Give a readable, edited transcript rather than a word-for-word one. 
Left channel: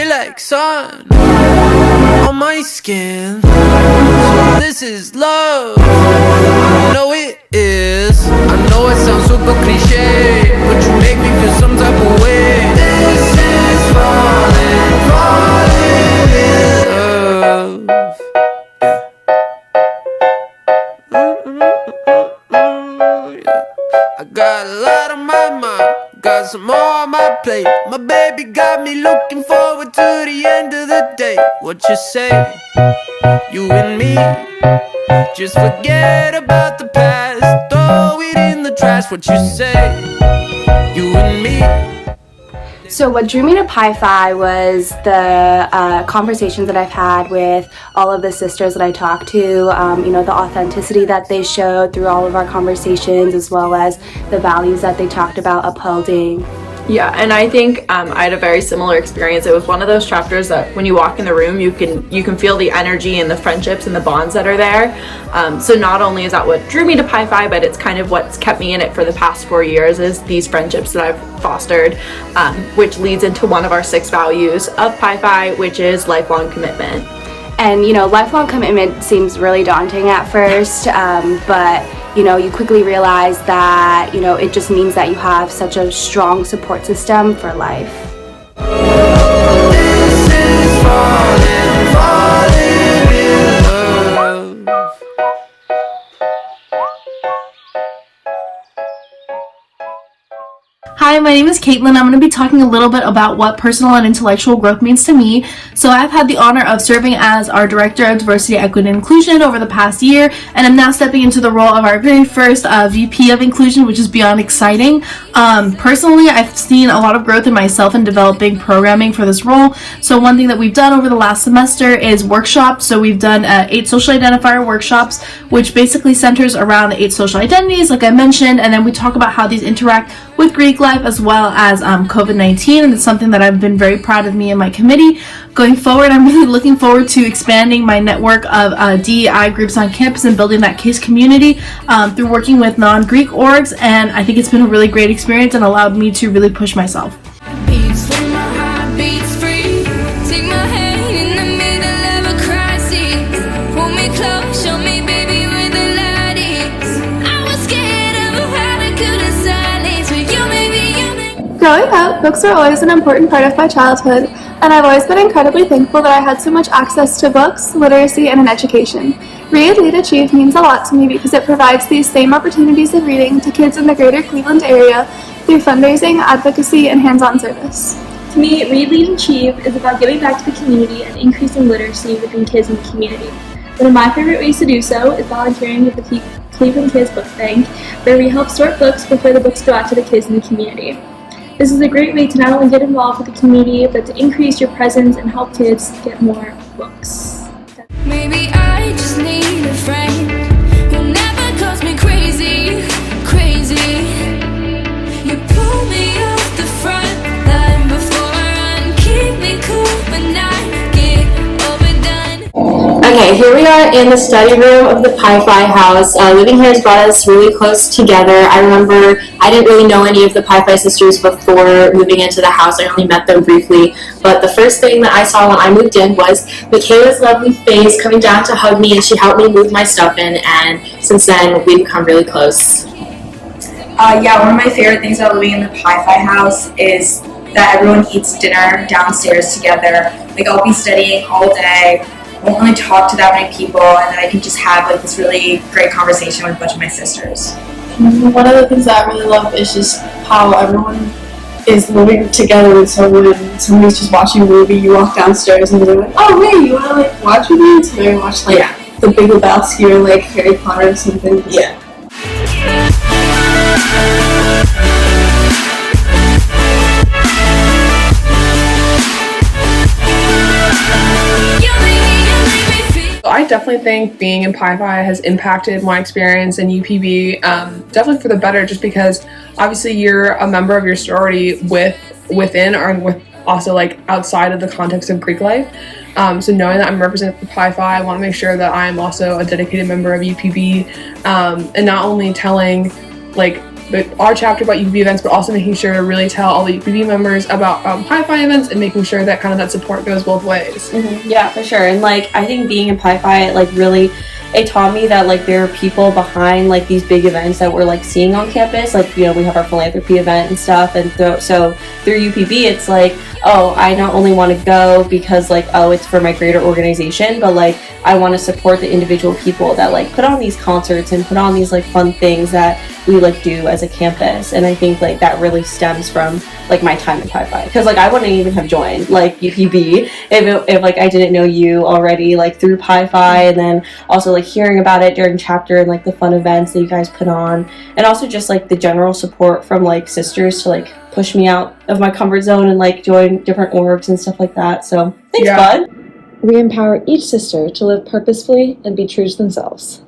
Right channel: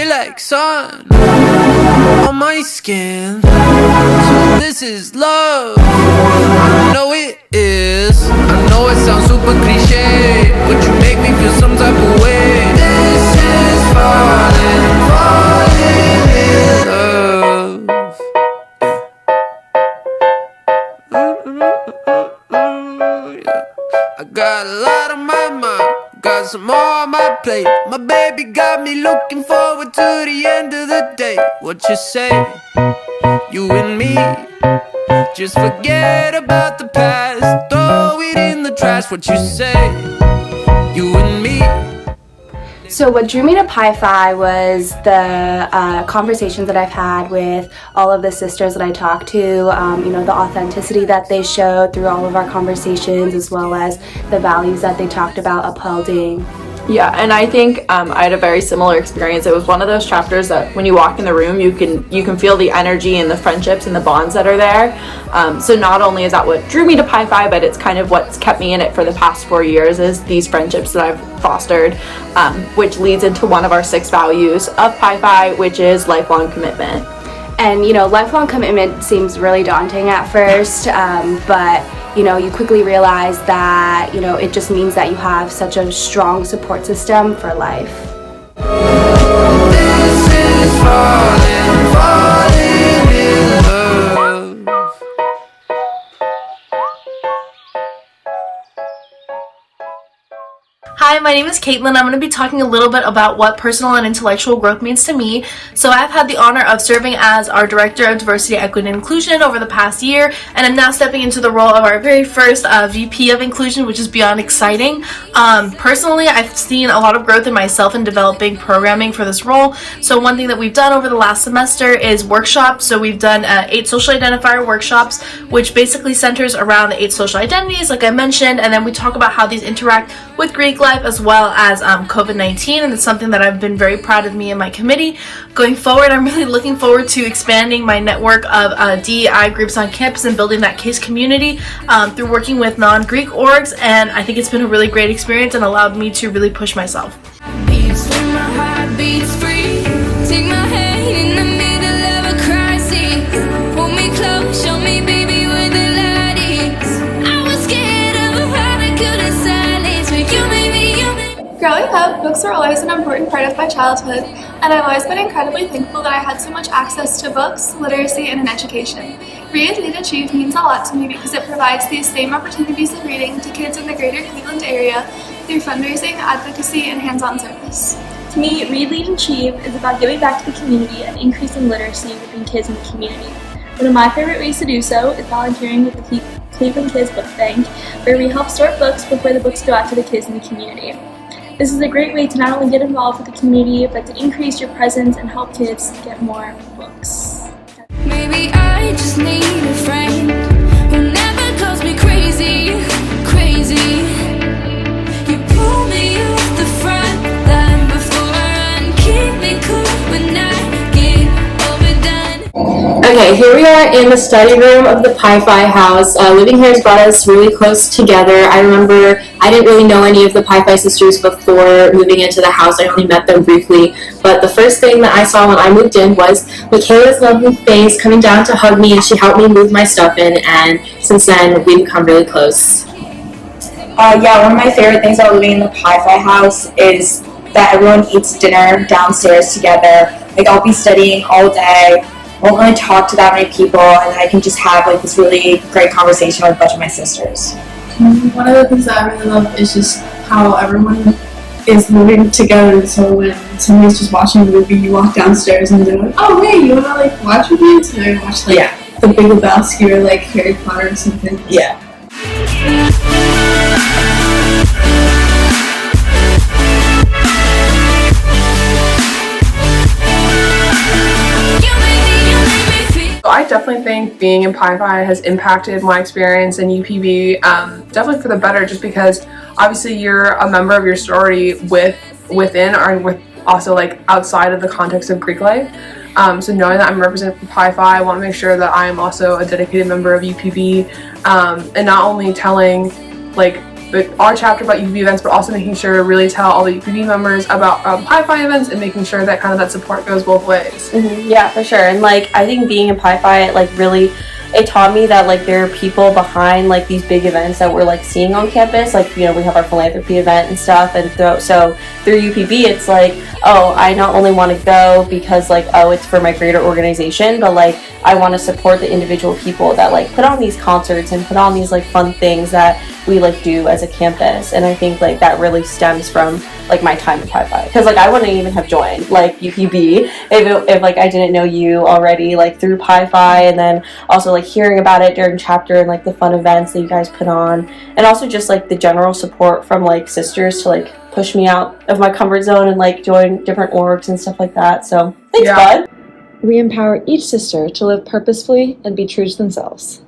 feel like sun on my skin. So this is love. I know it is. I know it sounds super cliche, but you make me feel some type of way. This is falling, falling in love. Yeah. I got a lot on my mind, got some more on my plate. My baby got me looking forward to the end of the day. What you say? You and me, just forget about the past, throw it in the trash. What you say? You and me. So what drew me to Pi Phi was the conversations that I've had with all of the sisters that I talked to, you know, the authenticity that they showed through all of our conversations, as well as the values that they talked about upholding. Yeah, and I think I had a very similar experience. It was one of those chapters that when you walk in the room, you can feel the energy and the friendships and the bonds that are there. So not only is that what drew me to Pi Phi, but it's kind of what's kept me in it for the past 4 years, is these friendships that I've fostered, which leads into one of our 6 values of Pi Phi, which is lifelong commitment. And, you know, lifelong commitment seems really daunting at first, but, you know, you quickly realize that, you know, it just means that you have such a strong support system for life. This is falling, falling in love. Hi, my name is Caitlin. I'm going to be talking a little bit about what personal and intellectual growth means to me. So I've had the honor of serving as our Director of Diversity, Equity, and Inclusion over the past year, and I'm now stepping into the role of our very first VP of Inclusion, which is beyond exciting. Personally, I've seen a lot of growth in myself in developing programming for this role. So one thing that we've done over the last semester is workshops. So we've done 8 social identifier workshops, which basically centers around the 8 social identities, like I mentioned, and then we talk about how these interact with Greek life as well as COVID-19, and it's something that I've been very proud of me and my committee. Going forward, I'm really looking forward to expanding my network of DEI groups on campus and building that KISS community through working with non-Greek orgs, and I think it's been a really great experience and allowed me to really push myself. Beats when my heart beats free. Take my hand in the middle of a crisis. Hold me close, show me baby where the light is. I was scared of a heart I couldn't silence, but you made me. Growing up, books were always an important part of my childhood, and I've always been incredibly thankful that I had so much access to books, literacy, and an education. Read, Lead, Achieve means a lot to me because it provides these same opportunities of reading to kids in the greater Cleveland area through fundraising, advocacy, and hands-on service. To me, Read, Lead, Achieve is about giving back to the community and increasing literacy within kids in the community. One of my favorite ways to do so is volunteering with the Cleveland Kids Book Bank, where we help sort books before the books go out to the kids in the community. This is a great way to not only get involved with the community, but to increase your presence and help kids get more books. Maybe I just need a friend who never calls me crazy, crazy. You pull me off the front line before I run, keep me cool when I get overdone. Okay, here we are in the study room of the Pi Phi house. Living here has brought us really close together. I remember I didn't really know any of the Pi Phi sisters before moving into the house. I only met them briefly. But the first thing that I saw when I moved in was Michaela's lovely face coming down to hug me, and she helped me move my stuff in, and since then we've become really close. Yeah, one of my favorite things about living in the Pi Phi house is that everyone eats dinner downstairs together. Like, I'll be studying all day, won't really talk to that many people, and I can just have like this really great conversation with a bunch of my sisters. One of the things that I really love is just how everyone is living together. So when somebody's just watching a movie, you walk downstairs and they're like, "Oh, hey, you wanna like watch with me?" So I watch like The Big Lebowski or like Harry Potter or something. Yeah. I definitely think being in Pi Phi has impacted my experience in UPB, definitely for the better, just because obviously you're a member of your sorority within or with also like outside of the context of Greek life. So knowing that I'm represented for Pi Phi, I want to make sure that I am also a dedicated member of UPB, and not only telling like our chapter about UPB events, but also making sure to really tell all the UPB members about Pi Phi events and making sure that kind of that support goes both ways. Yeah, for sure. And like I think being in Pi Phi like really it taught me that like there are people behind like these big events that we're like seeing on campus. Like, you know, we have our philanthropy event and stuff, and so through UPB it's like, oh, I not only want to go because like, oh, it's for my greater organization, but like I want to support the individual people that like put on these concerts and put on these like fun things that we like do as a campus. And I think like that really stems from like my time in Pi Phi, because like I wouldn't even have joined like UPB if like I didn't know you already like through Pi Phi, and then also like hearing about it during chapter and like the fun events that you guys put on, and also just like the general support from like sisters to like push me out of my comfort zone and like join different orgs and stuff like that. So thanks, bud. We empower each sister to live purposefully and be true to themselves.